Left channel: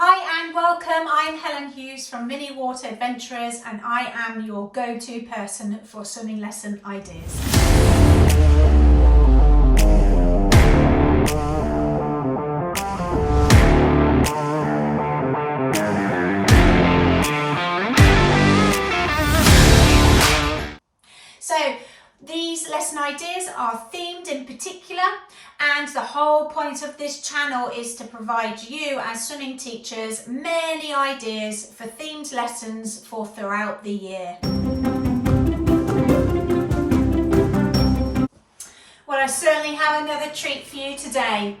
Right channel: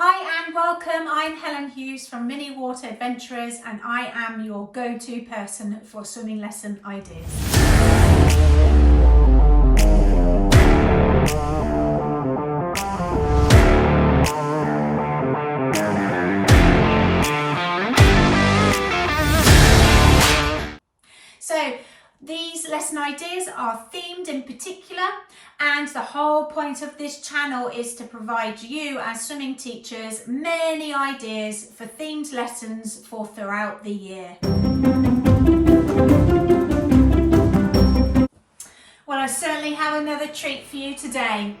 Hi and welcome, I'm Helen Hughes from Mini Water Adventurers and I am your go-to person for swimming lesson ideas. So these lesson ideas are themed in particular, and the whole point of this channel is to provide you as swimming teachers many ideas for themed lessons for throughout the year. Well, I certainly have another treat for you today.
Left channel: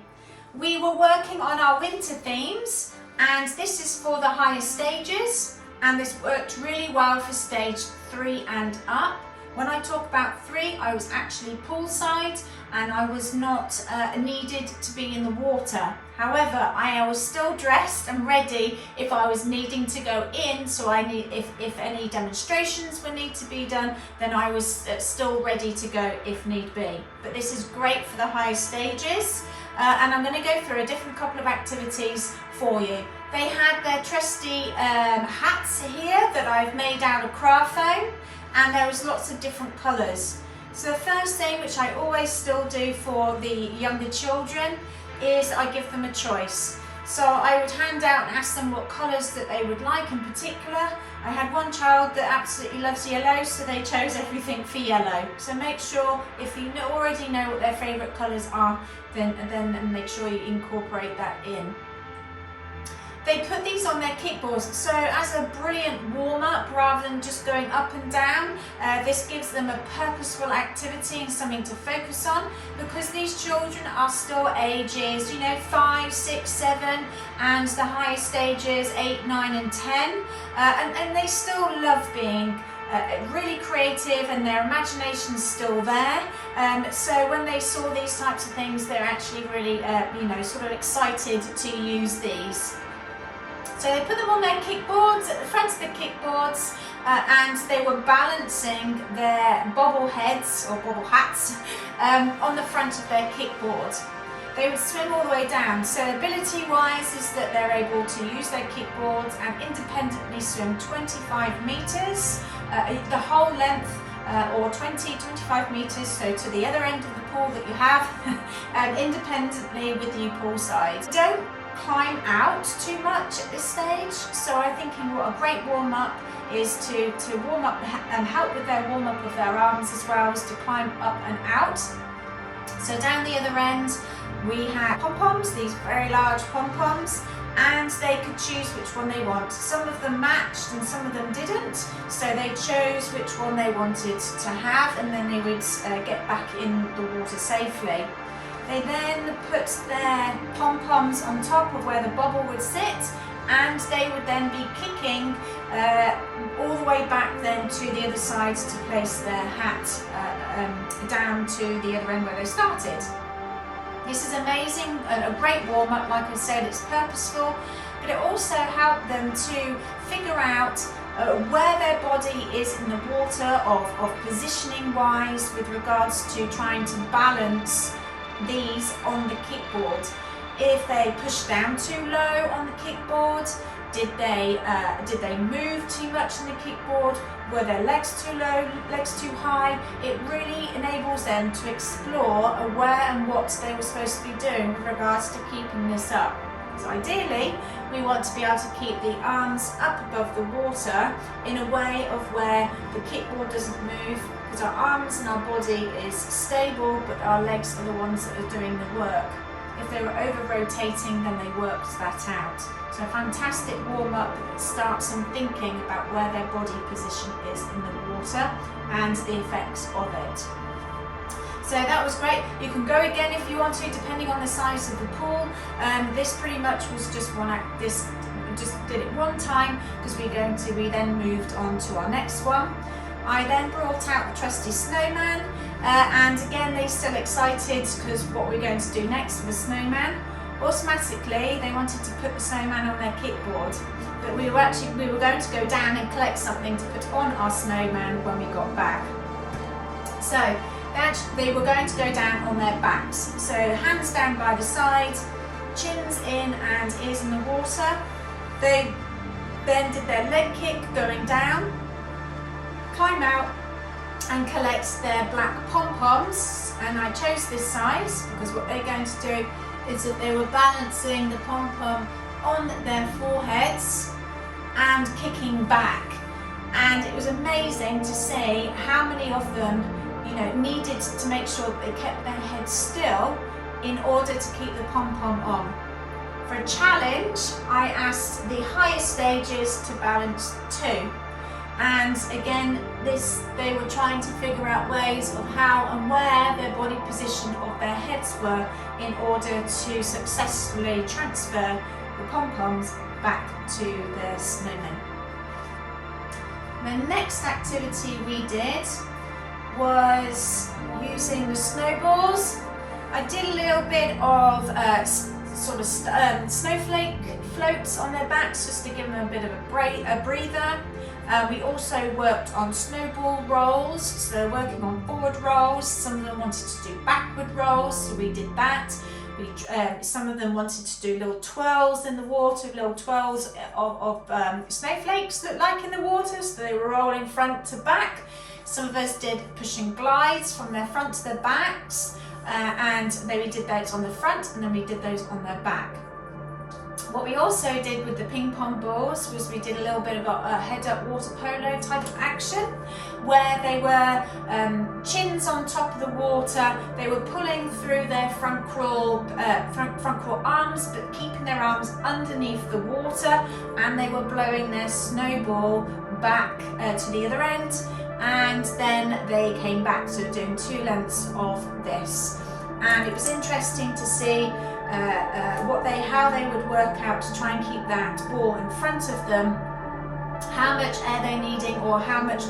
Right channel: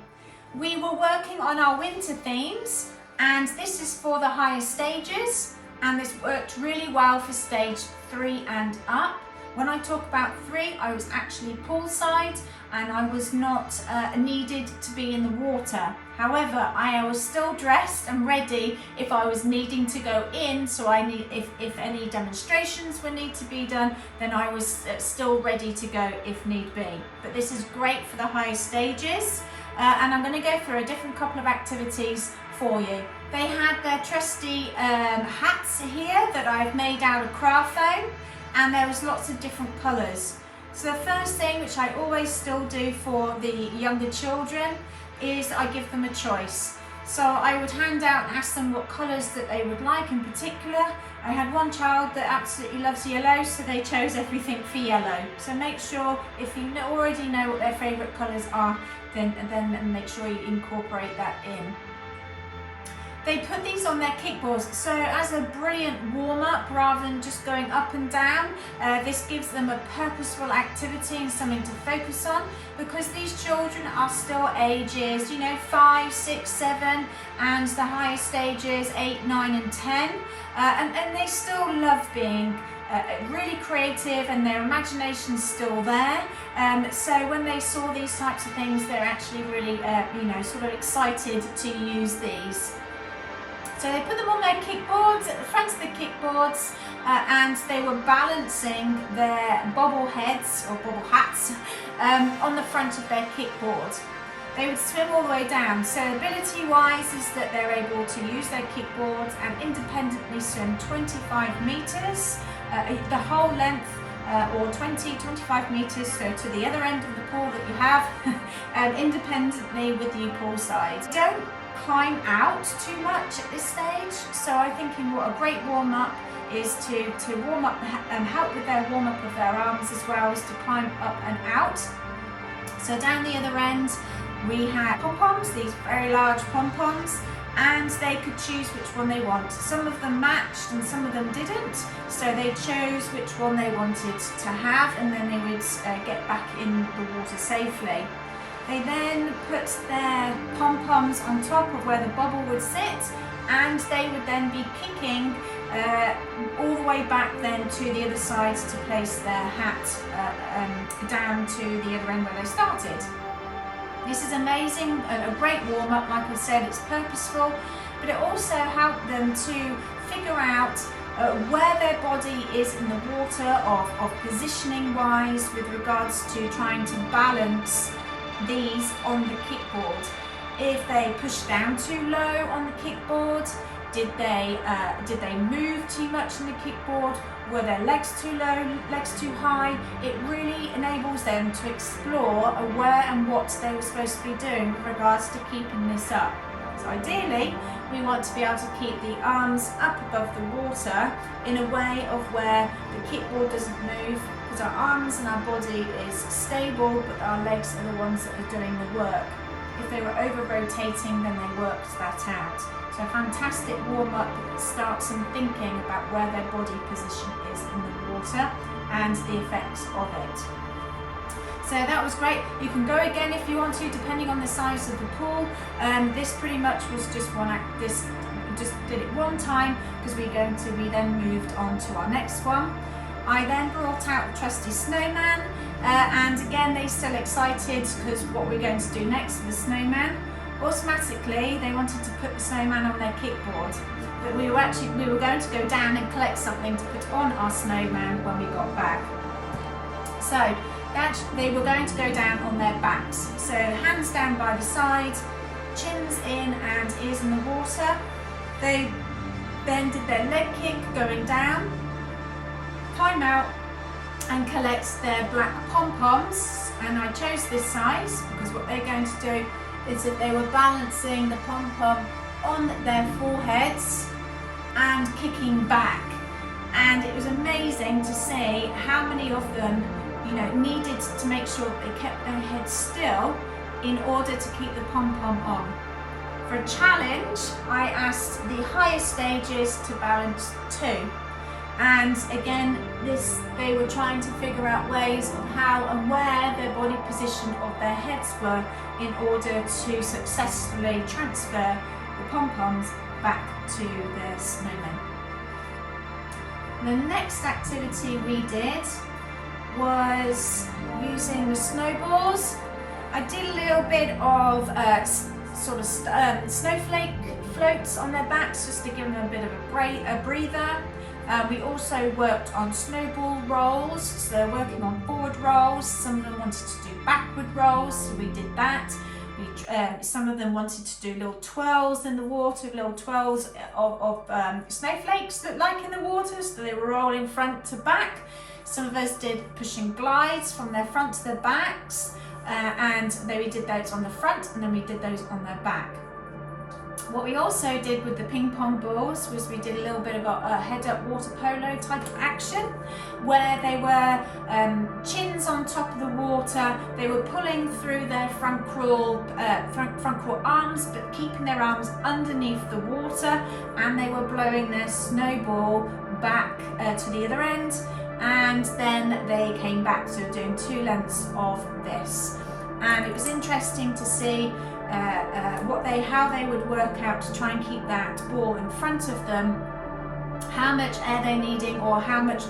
We were working on our winter themes, and this is for the higher stages, and this worked really well for stage 3 and up. When I talk about 3, I was actually poolside and I was not needed to be in the water. However, I was still dressed and ready if I was needing to go in, so if any demonstrations were need to be done, then I was still ready to go if need be. But this is great for the higher stages, and I'm going to go through a different couple of activities for you. They had their trusty hats here that I've made out of craft foam, and there was lots of different colours. So the first thing, which I always still do for the younger children, is I give them a choice. So I would hand out and ask them what colours that they would like in particular. I had one child that absolutely loves yellow, so they chose everything for yellow. So make sure, if you already know what their favourite colours are, then make sure you incorporate that in. They put these on their kickboards, so as a brilliant warm-up rather than just going up and down, this gives them a purposeful activity and something to focus on, because these children are still ages, 5, 6, 7, and the higher stages 8, 9 and 10, and they still love being really creative, and their imagination's still there. So when they saw these types of things, they're actually really sort of excited to use these. So they put them on their kickboards, at the front of the kickboards, and they were balancing their bobble heads or bobble hats on the front of their kickboard. They would swim all the way down. So ability-wise is that they're able to use their kickboards and independently swim 25 metres, the whole length, or 20-25 metres, so to the other end of the pool that you have, independently with you poolside. Don't climb out too much at this stage, so I'm thinking what a great warm-up is to warm up and help with their warm-up of their arms, as well as to climb up and out. So down the other end we had pom-poms, these very large pom-poms, and they could choose which one they want. Some of them matched and some of them didn't, so they chose which one they wanted to have, and then they would get back in the water safely. They then put their pom-poms on top of where the bobble would sit, and they would then be kicking all the way back then to the other side to place their hat down to the other end where they started. This is amazing, a great warm-up. Like I said, it's purposeful, but it also helped them to figure out where their body is in the water, of positioning wise with regards to trying to balance these on the kickboard. If they pushed down too low on the kickboard, did they move too much on the kickboard? Were their legs too low, legs too high? It really enables them to explore where and what they were supposed to be doing with regards to keeping this up. So ideally, we want to be able to keep the arms up above the water in a way of where the kickboard doesn't move, because our arms and our body is stable, but our legs are the ones that are doing the work. If they were over rotating, then they worked that out. So a fantastic warm-up that starts them thinking about where their body position is in the water and the effects of it. So that was great. You can go again if you want to, depending on the size of the pool. This pretty much was just one act. This just did it one time, because we then moved on to our next one. I then brought out the trusty snowman, and again they're still excited because what we're going to do next with the snowman. Automatically they wanted to put the snowman on their kickboard, but we were going to go down and collect something to put on our snowman when we got back. So they were going to go down on their backs. So hands down by the side, chins in and ears in the water. They then did their leg kick going down, climb out and collect their black pom-poms, and I chose this size because what they're going to do is that they were balancing the pom-pom on their foreheads and kicking back, and it was amazing to see how many of them needed to make sure that they kept their heads still in order to keep the pom-pom on. For a challenge, I asked the higher stages to balance 2. And again, they were trying to figure out ways of how and where their body position of their heads were in order to successfully transfer the pom-poms back to the snowmen. The next activity we did was using the snowballs. I did a little bit of snowflake floats on their backs just to give them a bit of a breather. We also worked on snowball rolls, so they're working on forward rolls. Some of them wanted to do backward rolls, so we did that. Some of them wanted to do little twirls in the water, little twirls of snowflakes that like in the water, so they were rolling front to back. Some of us did pushing glides from their front to their backs, and then we did those on the front and then we did those on their back. What we also did with the ping pong balls was we did a little bit of a head-up water polo type of action, where they were chins on top of the water. They were pulling through their front crawl arms, but keeping their arms underneath the water, and they were blowing their snowball back to the other end, and then they came back. So doing 2 lengths of this, and it was interesting to see how they would work out to try and keep that ball in front of them, how much air they're needing, or how much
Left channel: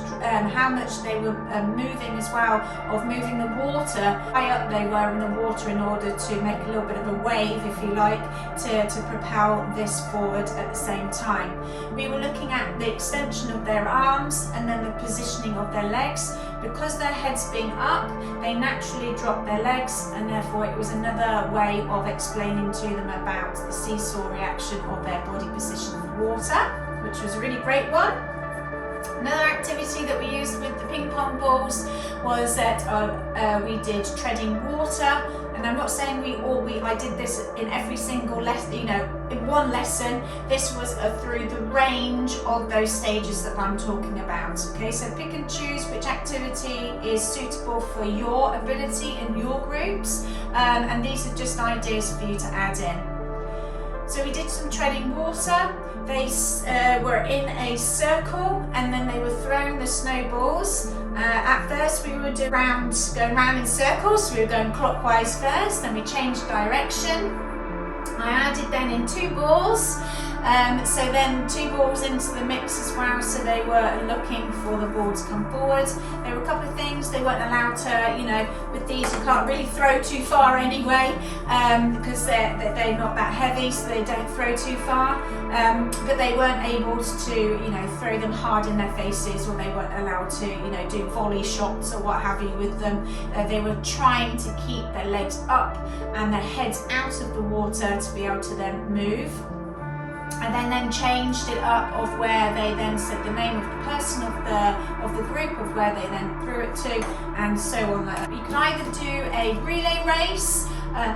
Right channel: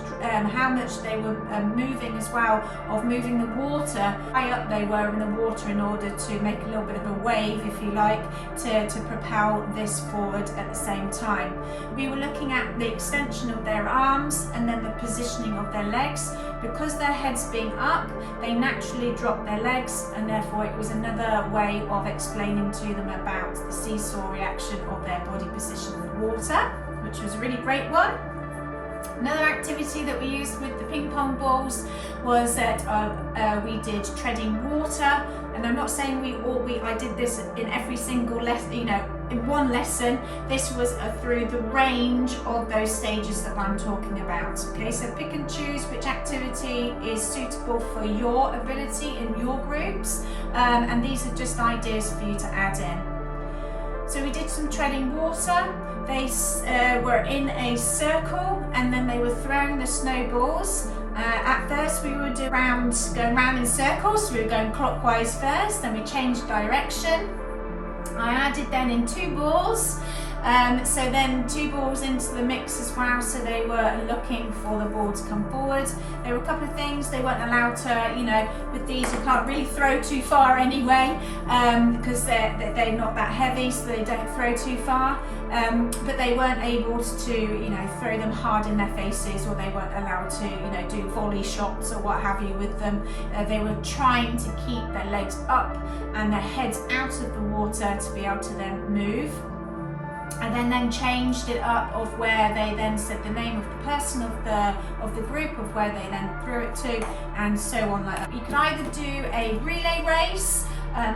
they were moving as well, of moving the water, high up they were in the water in order to make a little bit of a wave, if you like, to propel this forward at the same time. We were looking at the extension of their arms and then the positioning of their legs. Because their heads being up, they naturally drop their legs, and therefore it was another way of explaining to them about the seesaw reaction of their body position in the water, which was a really great one. Another activity that we used with the ping pong balls was that we did treading water, and I'm not saying I did this in every single lesson, in one lesson. This was through the range of those stages that I'm talking about. Okay, so pick and choose which activity is suitable for your ability in your groups, and these are just ideas for you to add in. So we did some treading water. They were in a circle, and then they were throwing the snowballs. At first we were going round in circles, so we were going clockwise first, then we changed direction. I added then in 2 balls, so then 2 balls into the mix as well, so they were looking for the ball to come forward. There were a couple of things they weren't allowed to, with these you can't really throw too far anyway, because they're not that heavy, so they don't throw too far, but they weren't able to, throw them hard in their faces, or they weren't allowed to, do volley shots or what have you with them. They were trying to keep their legs up and their heads out of the water to be able to then move. And then changed it up of where they then said the name of the person of the group of where they then threw it to, and so on like that. You can either do a relay race,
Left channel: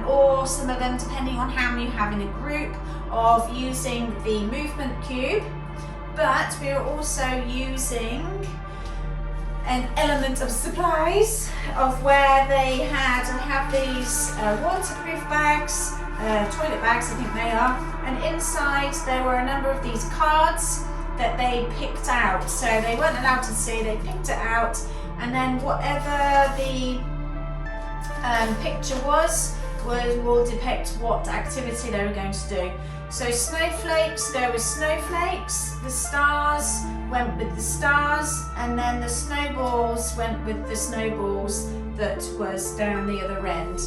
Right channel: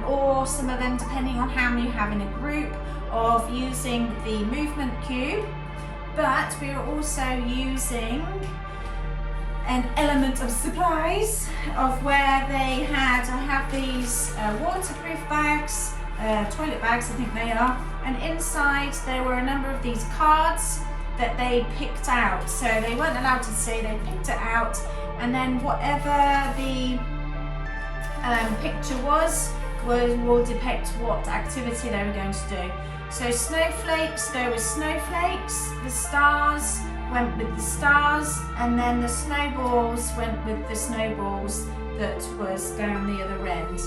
or some of them, depending on how many you have in a group, of using the movement cube. But we are also using an element of supplies of where I have these waterproof bags, toilet bags I think they are, and inside there were a number of these cards that they picked out. So they weren't allowed to see, they picked it out, and then whatever the picture will depict what activity they were going to do. So snowflakes, there were snowflakes, the stars went with the stars, and then the snowballs went with the snowballs that was down the other end.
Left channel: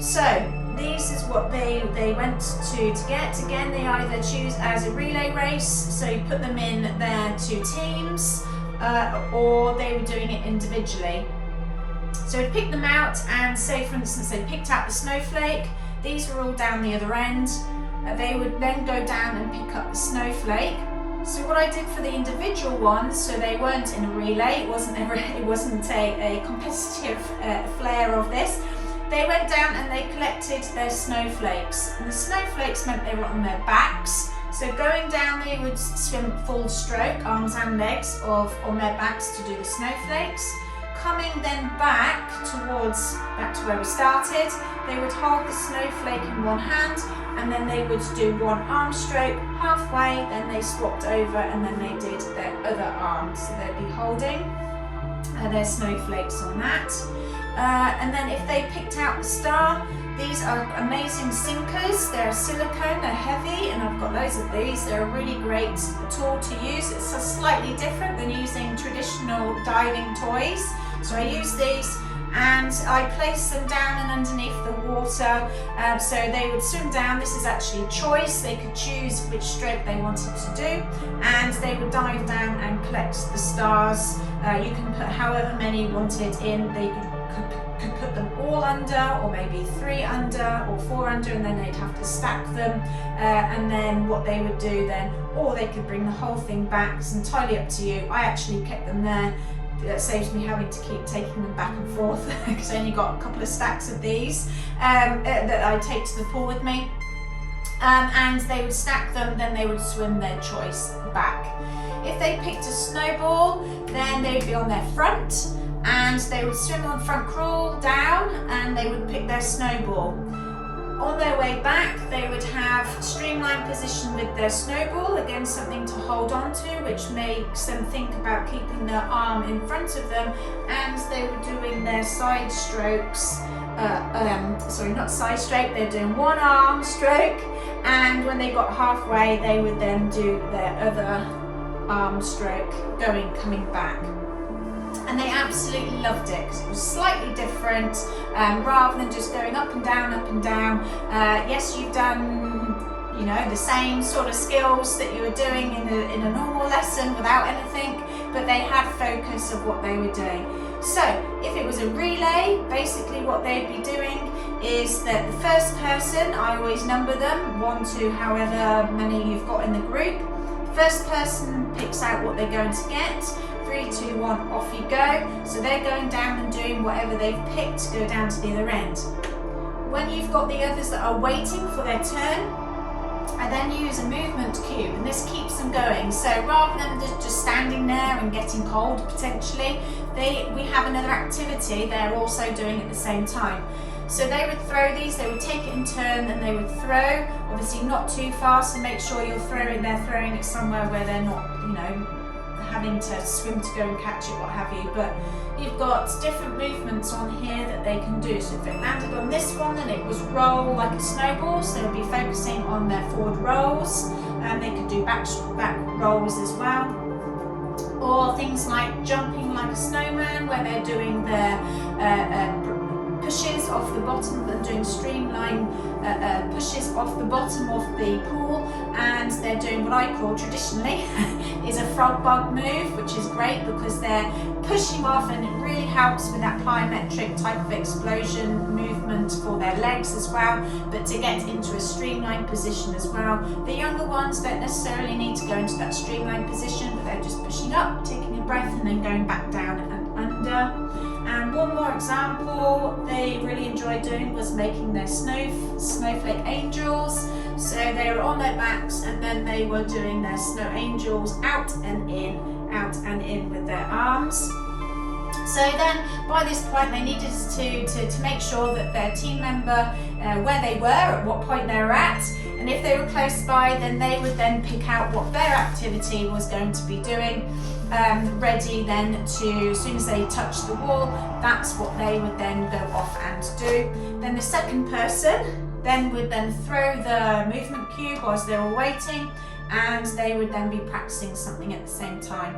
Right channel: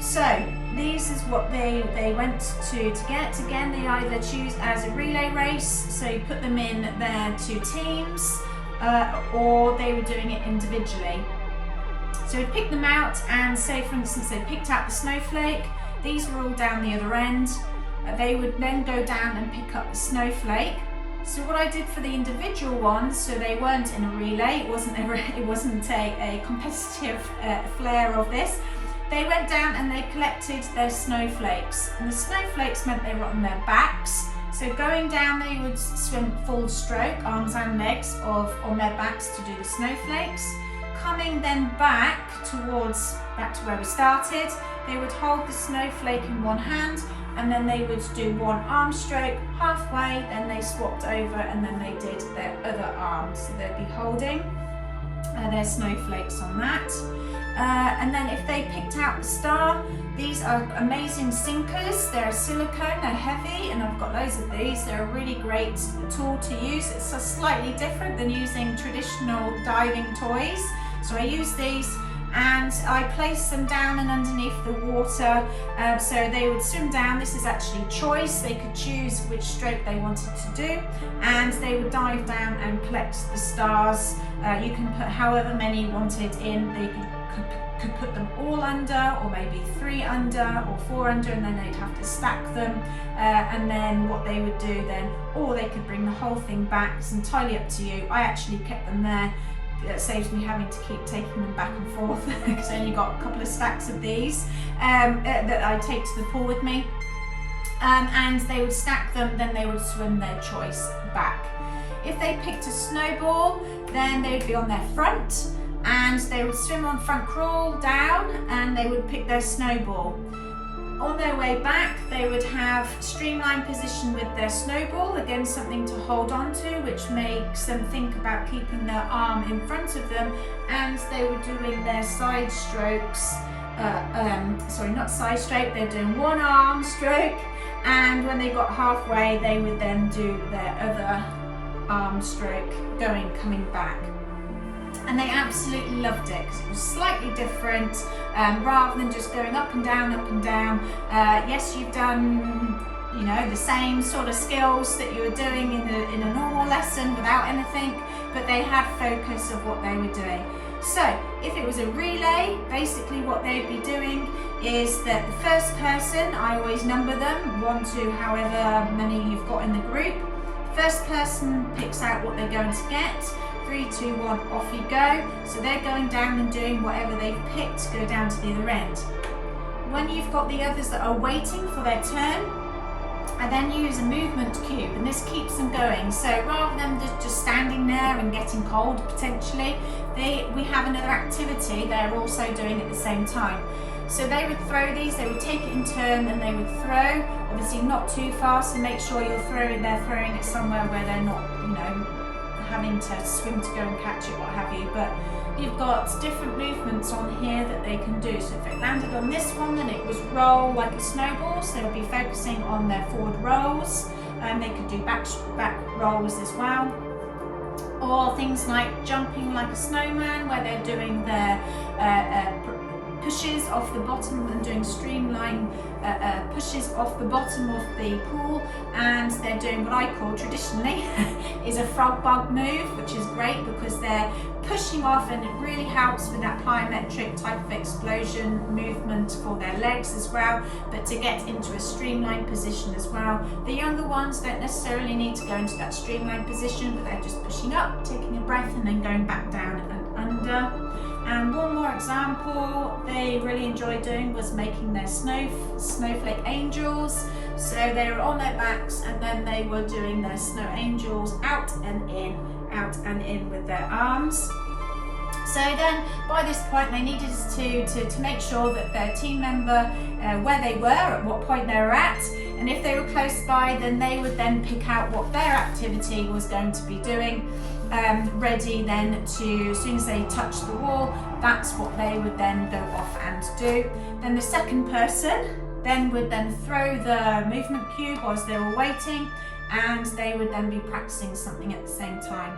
So this is what they went to get. Again, they either choose as a relay race, so you put them in their 2 teams, or they were doing it individually. So we picked them out, and say for instance they picked out the snowflake. These were all down the other end. they would then go down and pick up the snowflake. So what I did for the individual ones, so they weren't in a relay, it wasn't a competitive flair of this. They went down and they collected their snowflakes, and the snowflakes meant they were on their backs. So going down, they would swim full stroke, arms and legs, on their backs to do the snowflakes. Coming then back to where we started, they would hold the snowflake in one hand, and then they would do one arm stroke halfway, then they swapped over, and then they did their other arm. So they'd be holding their snowflakes on that. And then if they picked out the star, these are amazing sinkers. They're silicone, they're heavy, and I've got loads of these. They're a really great tool to use. It's slightly different than using traditional diving toys. So I use these and I place them down and underneath the water, so they would swim down. This is actually a choice. They could choose which stroke they wanted to do, and they would dive down and collect the stars. You can put however many you wanted in. They could put them all under, or maybe 3 under or 4 under, and then they'd have to stack them, and then what they would do then, or they could bring the whole thing back. It's entirely up to you. I actually kept them there. That saves me having to keep taking them back and forth because I only got a couple of stacks of these that I take to the pool with me, and they would stack them, then they would swim their choice back. If they picked a snowball, then they would be on their front and they would swim on front crawl down, and they would pick their snowball. On their way back, they would have streamline position with their snowball, again something to hold on to, which makes them think about keeping their arm in front of them, and they were doing their side strokes, sorry, not side stroke, they're doing one arm stroke, and when they got halfway, they would then do their other arm stroke, coming back. And they absolutely loved it because it was slightly different, rather than just going up and down, up and down. Yes, you've done, the same sort of skills that you were doing in a normal lesson without anything, but they had focus of what they were doing. So if it was a relay, basically what they'd be doing is that the first person, I always number them, 1 to however many you've got in the group. First person picks out what they're going to get. 3, 2, 1, off you go. So they're going down and doing whatever they've picked to go down to the other end. When you've got the others that are waiting for their turn, I then use a movement cube, and this keeps them going. So rather than just standing there and getting cold potentially, we have another activity they're also doing at the same time. So they would throw these, they would take it in turn, and they would throw, obviously not too fast, and make sure they're throwing it somewhere where they're not, having to swim to go and catch it, what have you. But you've got different movements on here that they can do. So if it landed on this one, then it was roll like a snowball, so they'll be focusing on their forward rolls, and they could do back rolls as well. Or things like jumping like a snowman, where they're doing their pushes off the bottom and doing streamline pushes off the bottom of the pool, and they're doing what I call traditionally is a frog bug move, which is great because they're pushing off, and it really helps with that plyometric type of explosion movement for their legs as well, but to get into a streamlined position as well. The younger ones don't necessarily need to go into that streamlined position, but they're just pushing up, taking a breath, and then going back down and under. And one more example they really enjoyed doing was making their snowflake angels. So they were on their backs, and then they were doing their snow angels out and in with their arms. So then by this point they needed to make sure that their team member, where they were, at what point they were at, and if they were close by, then they would then pick out what their activity was going to be doing, ready then to, as soon as they touch the wall, that's what they would then go off and do. Then the second person would then throw the movement cube whilst they were waiting, and they would then be practicing something at the same time.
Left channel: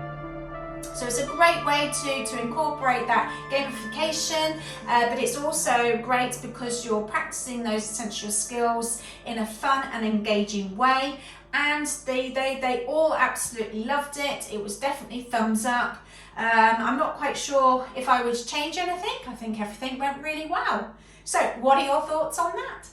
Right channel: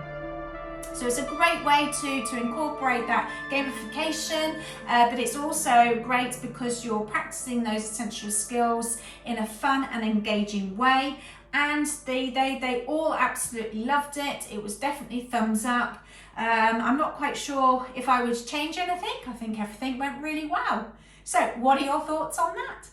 So it's a great way to incorporate that gamification, but it's also great because you're practicing those essential skills in a fun and engaging way. And they all absolutely loved it. It was definitely thumbs up. I'm not quite sure if I would change anything. I think everything went really well. So what are your thoughts on that?